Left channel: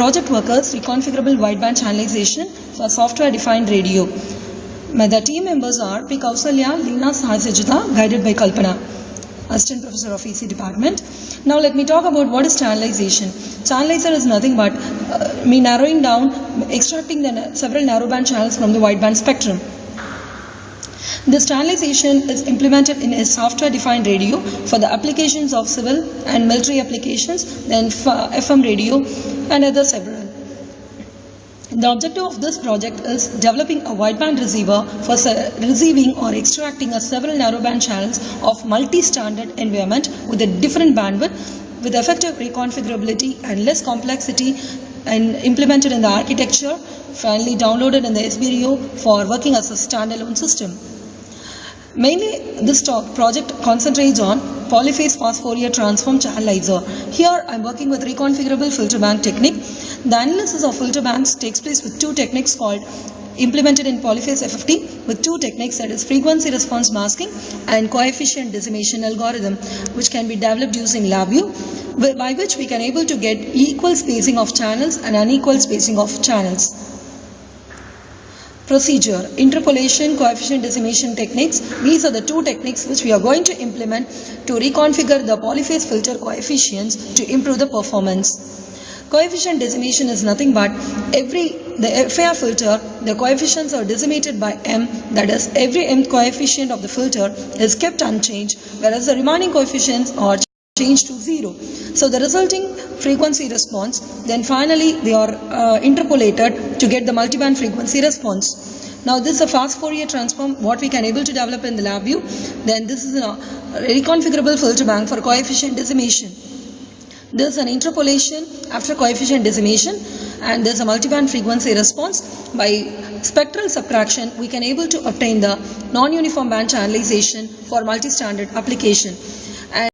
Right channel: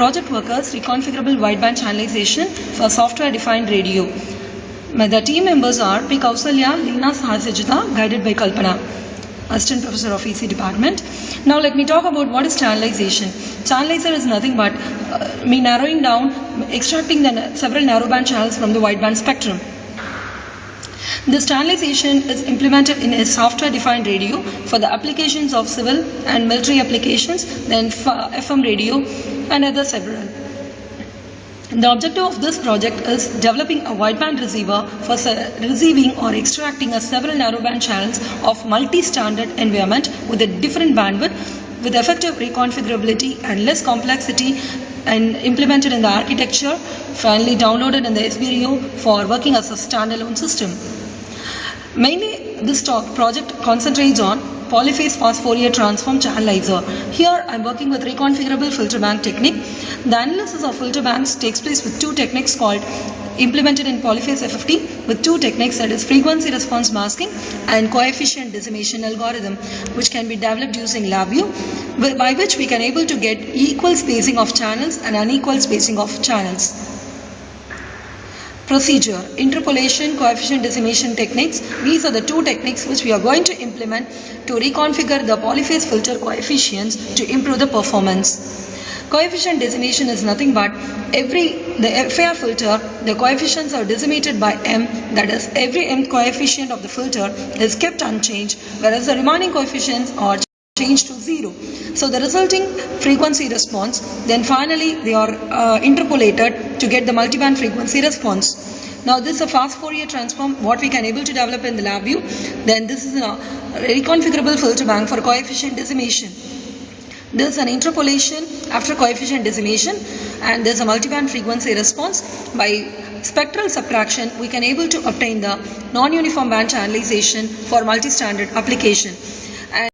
Project Workers Reconfigurable Wideband Channelization for Software-Defined Radio. The team members are P. Kausalya, Leena Sahasajita, guided by Kalpana, Assistant Professor of EC Department. Now let me talk about what is channelization. Channelizer is nothing but narrowing down, extracting the several narrowband channels from the wideband spectrum. This channelization is implemented in a software-defined radio for the applications of civil and military applications, then FM radio and other several. The objective of this project is developing a wideband receiver for receiving or extracting several narrowband channels of multi-standard environment with a different bandwidth with effective reconfigurability and less complexity, and implemented in the architecture, finally downloaded in the SBREO for working as a standalone system. Mainly, this project concentrates on polyphase fast Fourier transform channelizer. Here, I am working with reconfigurable filter bank technique. The analysis of filter banks takes place with two techniques called implemented in polyphase FFT with two techniques, that is frequency response masking and coefficient decimation algorithm, which can be developed using LabVIEW, by which we can able to get equal spacing of channels and unequal spacing of channels. Procedure: interpolation, coefficient decimation techniques. These are the two techniques which we are going to implement to reconfigure the polyphase filter coefficients to improve the performance. Coefficient decimation is nothing but the FIR filter, the coefficients are decimated by m, that is every m coefficient of the filter is kept unchanged, whereas the remaining coefficients are changed to 0. So the resulting frequency response, then finally they are interpolated to get the multiband frequency response. Now this is a fast Fourier transform what we can able to develop in the LabVIEW. Then this is a reconfigurable filter bank for coefficient decimation. This is an interpolation after coefficient decimation, and there is a multiband frequency response. By spectral subtraction, we can able to obtain the non-uniform band channelization for multi-standard application.